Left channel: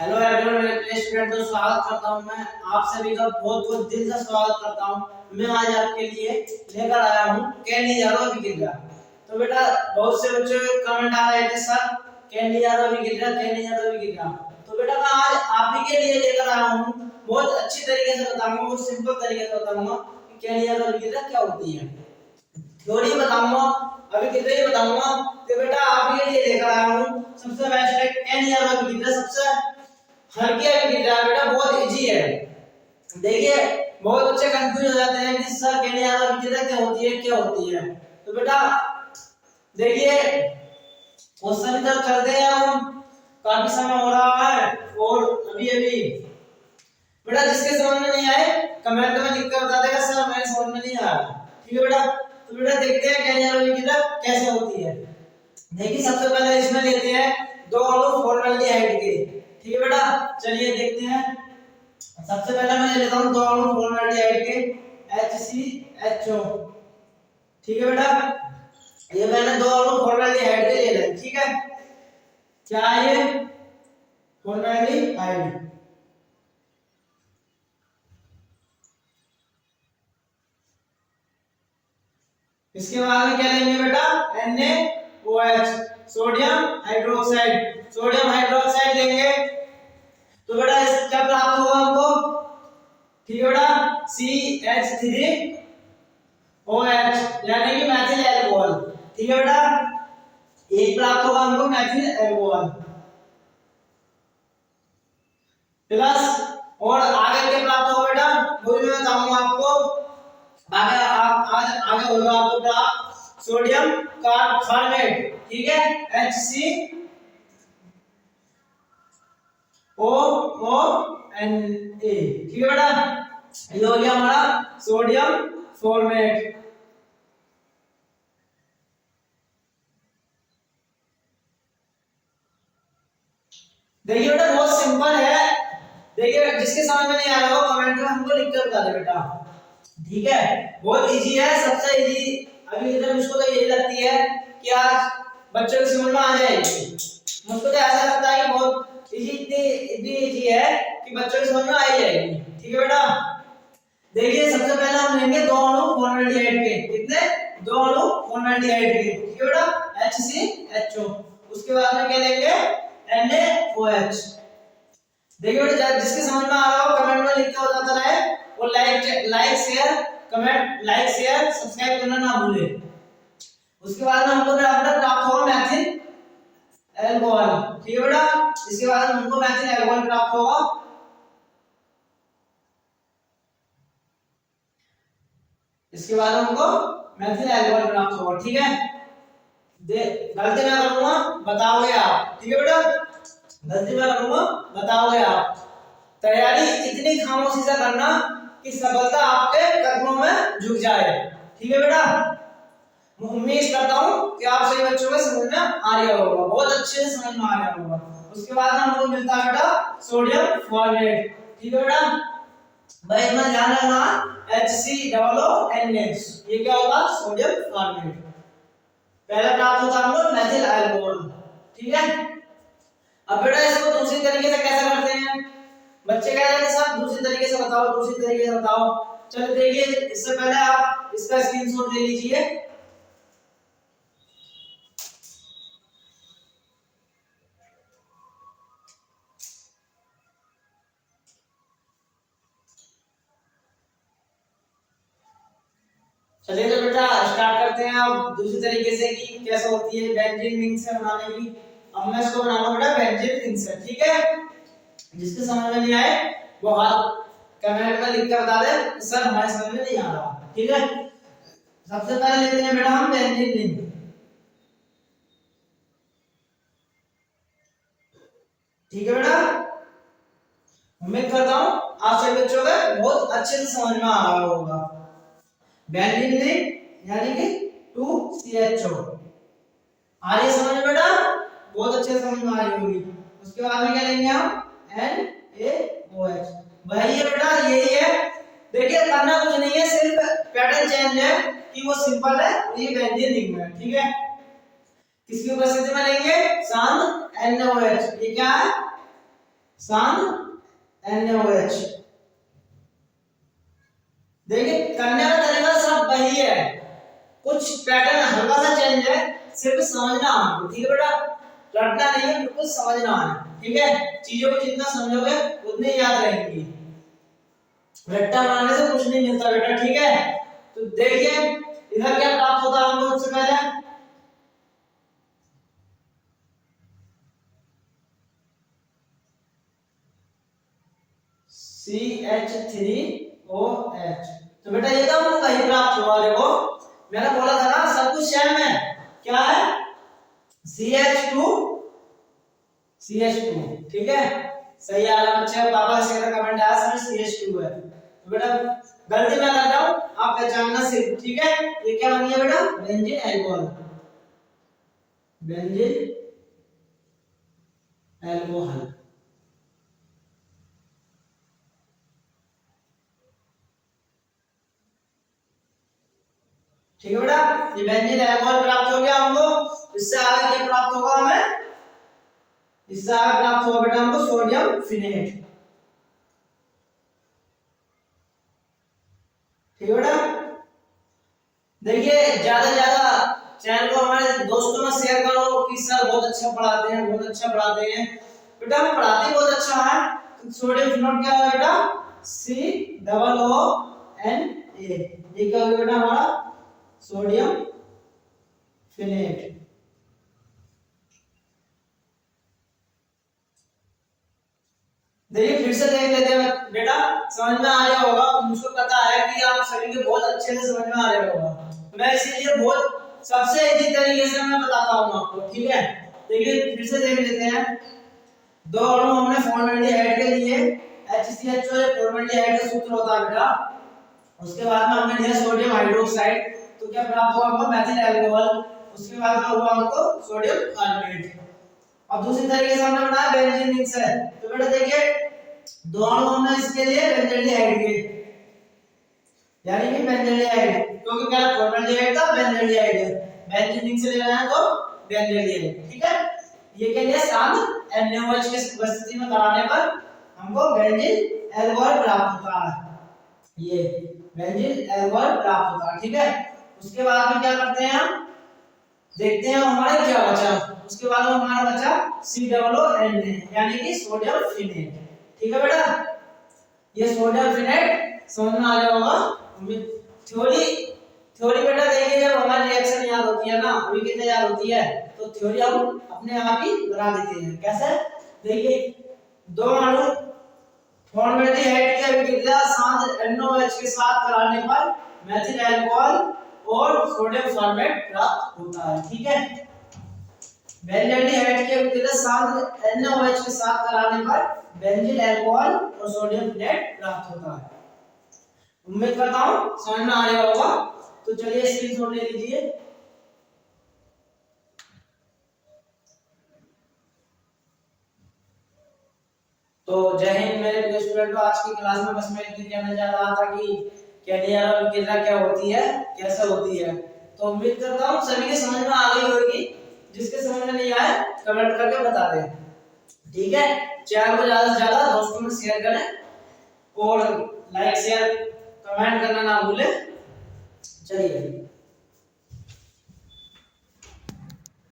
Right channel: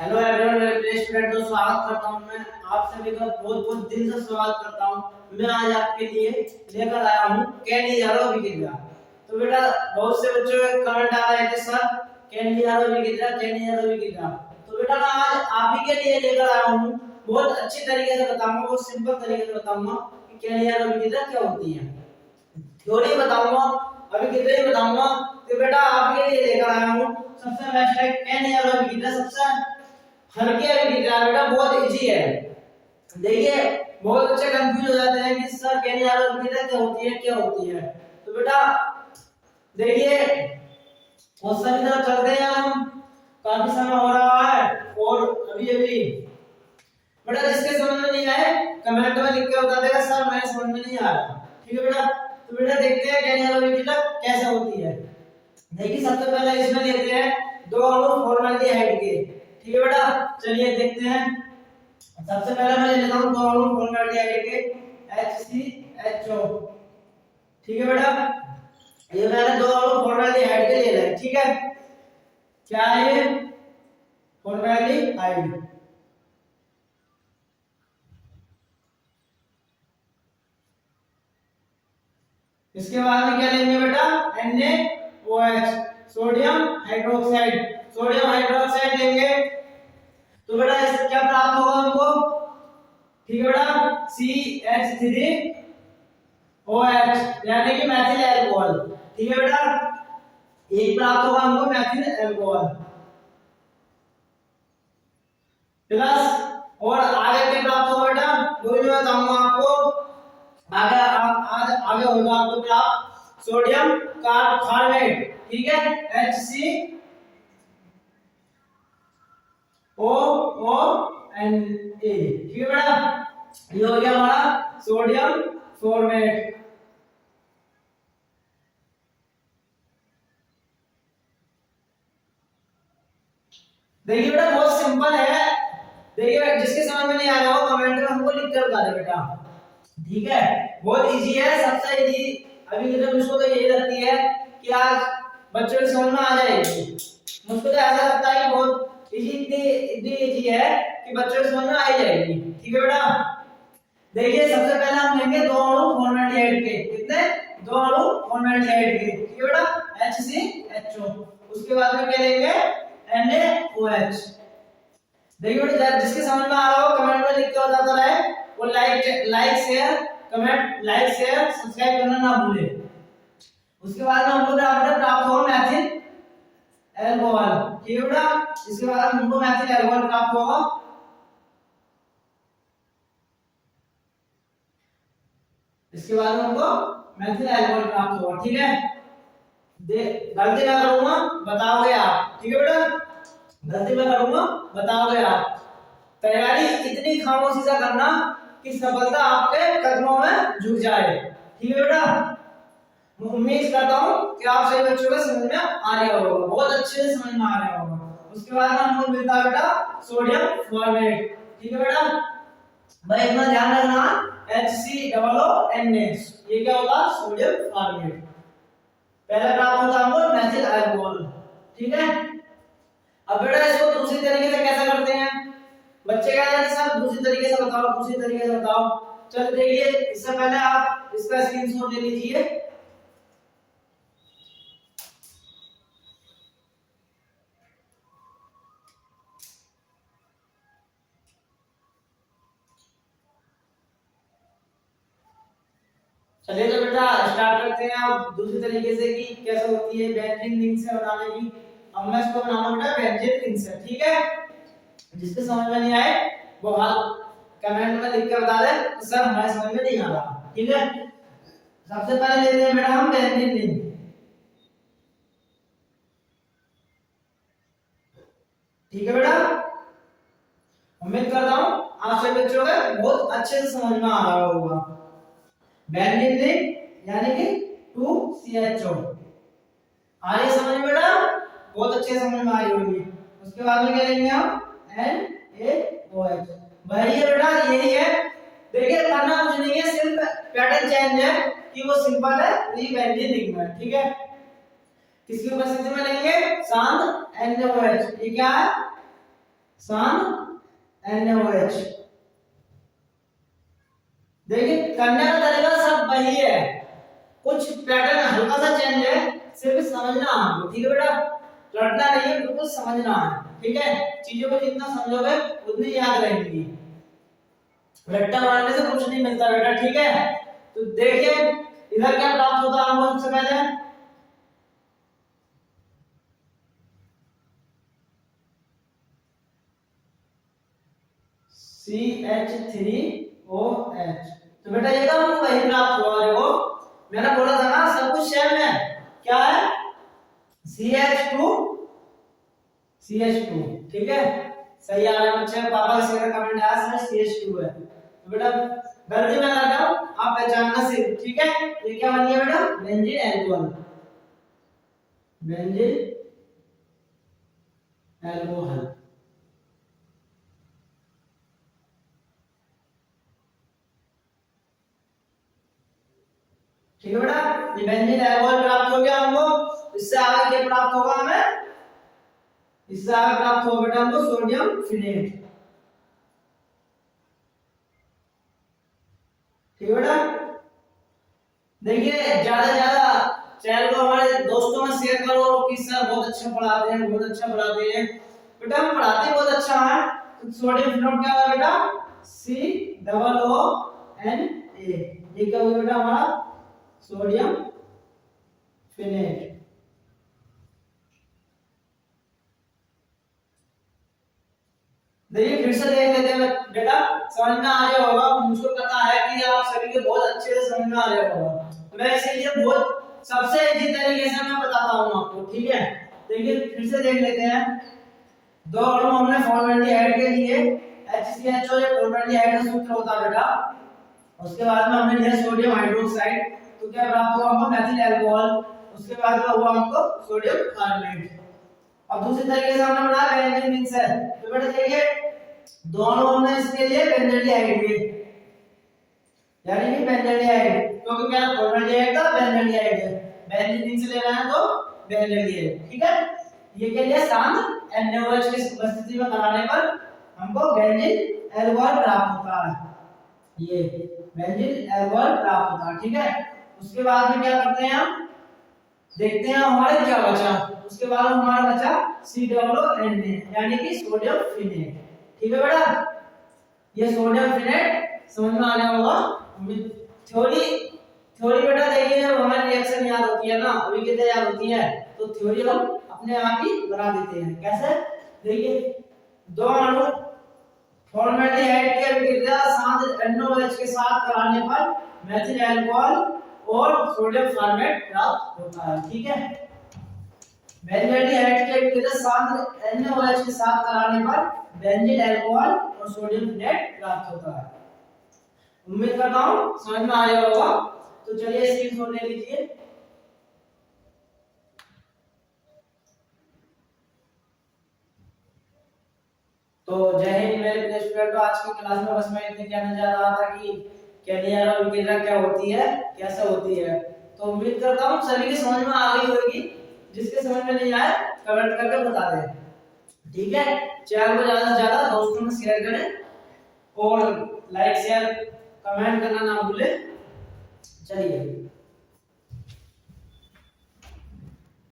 Hello everyone, मेरे प्रिय student तो स्वागत करता हूं। मैं आप सभी का बहुत बहुत दिल से स्वागत करता हूं। मैं आज आपके लिए लेकर आया हूं कैंडी यारो विकित्रा। तो बेटा बहुत से बच्चों के कमेंट आ रहे थे, सर कैंडी यारो विकित्रा, कैंडी यारो विकित्रा। तो बेटा मैं आज आप ही के लिए लेकर आया हूं, बहुत अच्छी तरीके से बताऊंगा, बहुत सिंपल तरीके से बताऊंगा कि कैंडी यारो विकित्रा क्या होती है। थ्योरी बताऊंगा, अभी कितने ही बताऊंगा। तो बेटा आप ही के लिए लेकर आया हूं सबसे बेस्ट है कैंडी यारो विकित्रा, सबसे हल्की विकित्रा। बेटा बहुत इजी है। देखिए बहुत बच्चे कंफ्यूज हो जाते हैं कि सर कैंडी यारो विकित्रा क्या होती है, क्या होती है। तो बेटा देखिए क्वेश्चन की तरफ चलते हैं। हम काफी समय हो रहा है और अभी अभी बेटा जिसके समझ में नहीं आए कमेंट में लिख के बता देगा, सर मेरे समझ में नहीं आ रहा। ठीक है बेटा, तो बेटा देखते हैं कैंडी यारो विकित्रा कैसे होती है। देखिए सबसे पहले इसमें लेते हैं दो अणु फॉर्मेल्डिहाइड के। ठीक है बेटा, चलिए देखते हैं। सबसे पहले मैं लेता हूं दो अणु फॉर्मेल्डिहाइड के HCHO। ठीक है बेटा, ये मैंने दो अणु फॉर्मेल्डिहाइड के ले लिए। ठीक है, क्या है ये? फॉर्मेल्डिहाइड। इसके बाद में क्या लेंगे बेटा? NaOH, sodium hydroxide. Sodium hydroxide लेंगे तो बेटा इससे क्या प्राप्त होगा हमको? ठीक है बेटा, CH3OH यानी कि मैथिल अल्कोहल। ठीक है बेटा, एक प्राप्त होगा हमको मैथिल अल्कोहल प्लस, और आगे क्या प्राप्त होगा बेटा वो भी मैं बताऊंगा आपको। आगे आज आगे होगा आपको प्राप्त सोडियम कार्बोनेट। ठीक है, HCOONA। ठीक है बेटा, ये हो गया हमारा सोडियम फॉर्मेट। देखिए बेटा बहुत सिंपल है। देखिए जिसके समझ में नहीं आ रहा हो कमेंट में हमको लिख कर बता दे बेटा। ठीक है, बहुत इजी है, सबसे इजी। अभी इधर मुझको तो यही लगती है कि आज बच्चों की समझ में आ जाएगी। मुझको तो ऐसा लगता है कि बहुत इजी, इतनी इजी है कि बच्चों की समझ में आ ही जाएगी। ठीक है बेटा, देखिए सबसे पहले हम लेंगे दो अणु फॉर्मेल्डिहाइड के। कितने? दो अणु फॉर्मेल्डिहाइड के। ठीक है बेटा, HCHO। उसके बाद में क्या लेंगे? NaOH। देखिए बेटा जिसके समझ में आ रहा हो कमेंट में लिख के बताता रहे, और like share comment, like share subscribe करना ना भूले। उसके बाद में हमको प्राप्त होगा मैथिल अल्कोहल। ठीक है बेटा, इसके बाद हमको मैथिल अल्कोहल प्राप्त होगा। इसके बाद हमको मैथिल अल्कोहल प्राप्त होगा। ठीक है, गलती ना करूंगा बताओगे आप। ठीक है बेटा, गलती मैं करूंगा बताओगे आप। तैयारी इतनी खामोशी से करना कि सफलता आपके कदमों में झुक जाए। ठीक है बेटा, उम्मीद करता हूं कि आप सभी बच्चों को समझ में आ रहा होगा, बहुत अच्छे से समझ में आ रहा होगा। उसके बाद हमको मिलता है बेटा सोडियम फॉर्मेट। ठीक है बेटा, भाई अपना ध्यान रखना, HCOONA, ये क्या होगा? Sodium format. पहला प्राप्त होता है हमको मैथिल अल्कोहल। ठीक है, अब बेटा इसको दूसरी तरीके से कैसे करते हैं? बच्चे कह रहे थे सर दूसरी तरीके से बताओ, दूसरी तरीके से बताओ। चलो देखिए, इससे पहले आप इसका स्क्रीनशॉट ले लीजिए। चलिए तो बेटा स्टार्ट करते हैं अब दूसरी तरीके से कि कैसे होती है बेंजीन रिंग से बनाने की। अब मैं इसको बनाऊंगा बेटा बेंजीन रिंग से। ठीक है, जिसके समझ में नहीं आए वो हाथ कमेंट में लिख कर बता दे, सर हमारे समझ में नहीं आ रहा। ठीक है, सबसे पहले लेते हैं बेटा हम बेंजीन रिंग। ठीक है बेटा, उम्मीद करता हूं आप सभी बच्चों को बहुत अच्छे से समझ में आ रहा होगा। बेंजीन रिंग यानी कि 2CHO आ रही है समझ में बेटा? बहुत अच्छे से समझ में आ रही होगी। उसके बाद में क्या लेंगे हम? NaOH। वही है बेटा, यही है। देखिए करना कुछ नहीं है, सिर्फ पैटर्न चेंज है कि वो सिंपल है, ये बेंजीन रिंग में। ठीक है, किसकी उपस्थिति में लेंगे? शांत NaOH। ये क्या है? सांद NaOH। देखिए करने का तरीका सब वही है, कुछ पैटर्न हल्का सा चेंज है, सिर्फ समझना आपको, ठीक है बेटा, रटना नहीं है, बिल्कुल समझना है, ठीक है। चीजों को जितना समझोगे उतनी याद रहेंगी, रट्टा मारने से कुछ नहीं मिलता बेटा, ठीक है। तो देखिए इधर क्या प्राप्त होता है हमको सबसे पहले, CH3OH। तो बेटा ये तो हमको वही प्राप्त हुआ, देखो मैंने बोला था ना सब कुछ सेम है, क्या है CH2, ठीक है। सही आ रहा है बच्चे, पापा का सेकंड कमेंट आया सर CH2 है, तो बेटा गलती मैं कर रहा हूं, आप पहचानना सिर्फ, ठीक है। ये क्या बन गया बेटा, बेंजीन अल्कोहल, बेंजीन अल्कोहल, ठीक है बेटा। ये बेंजीन अल्कोहल प्राप्त हो गया हमको, इससे आगे क्या प्राप्त होगा हमें, इससे आगे प्राप्त होगा बेटा हमको सोडियम फिनेट, ठीक है बेटा। देखिए ज्यादा चैनल को हमारे दोस्तों में शेयर करो कि सर बहुत अच्छा पढ़ाते हैं, बहुत अच्छा पढ़ाते हैं, बेटा हम पढ़ाते बहुत अच्छा है। तो सोडियम फिनोट क्या है बेटा, COONA, ये क्या हो गया बेटा हमारा सोडियम फिनेट। देखिए फिर से देख लेते हैं बेटा, समझ में आ रहा होगा, मुझको पता है कि आप सभी के बहुत अच्छे से समझ में आ रहा होगा, मैं इसीलिए बहुत सबसे इजी तरीके से मैं बताता हूं आपको, ठीक है। देखिए फिर से देख लेते हैं, दो अणु हमने फॉर्मेल्डिहाइड के लिए HCHO, ये फॉर्मेल्डिहाइड का सूत्र होता है बेटा, उसके बाद में हमने लिया सोडियम हाइड्रोक्साइड, तो क्या प्राप्त हुआ हमको मेथिल अल्कोहल, उसके बाद में हुआ हमको सोडियम कार्बोनेट। अब दूसरी तरीके से हमने बनाया बेंजीन मिक्सर, तो बेटा देखिए दोनों हमने इसके लिए बेंजल्डिहाइड के, यानी कि बेंजल्डिहाइड, क्योंकि क्या फॉर्मेल्डिहाइड था बेंजल्डिहाइड है, बेंजीन मिक्सर ले रहे हैं तो बेंजल्डिहाइड, ठीक है। ये के लिए सांद NaOH की उपस्थिति में कराने पर हमको बेंजीन अल्कोहल प्राप्त होता है, ये बेंजीन अल्कोहल प्राप्त होता है, ठीक है। उसके बाद में क्या करते हैं हम, देखते हैं हमारे क्या बचा, उसके बाद में हमारा बचा COONA, यानी कि सोडियम फिनेट, ठीक है बेटा। ये सोडियम फिनेट समझ में आ गया होगा। थ्योरी बेटा देखिए जब हमारी रिएक्शन याद होती है ना, अभी कितने याद होती है, तो थ्योरी हम अपने आप ही बना देते हैं, कैसे, देखिए दो अणु फॉर्मेल्डिहाइड की अभिक्रिया सांद NaOH के साथ कराने पर मेथिल अल्कोहल और सोडियम फॉर्मेट प्राप्त होता है, ठीक है। बेंजल्डिहाइड की अभिक्रिया सांद NaOH के साथ कराने पर बेंजीन अल्कोहल और सोडियम फिनेट प्राप्त होता है। उम्मीद करता हूं समझ में आ रहा होगा, तो चलिए स्क्रीनशॉट ले लीजिए। तो जय हिंद मेरे प्रिय स्टूडेंटों, आज की क्लास में बस मैं इतनी कहना चाह रहा था कि कैनियर अभिक्रिया क्या होती है, कैसे होती है। तो उम्मीद करता हूं सभी के समझ में आ गई होगी, जिसके समझ में नहीं आए कमेंट करके बता दें, ठीक है। चैनल को ज्यादा से ज्यादा दोस्तों में शेयर करें और लाइक शेयर कमेंट करना ना भूलें। चलिए।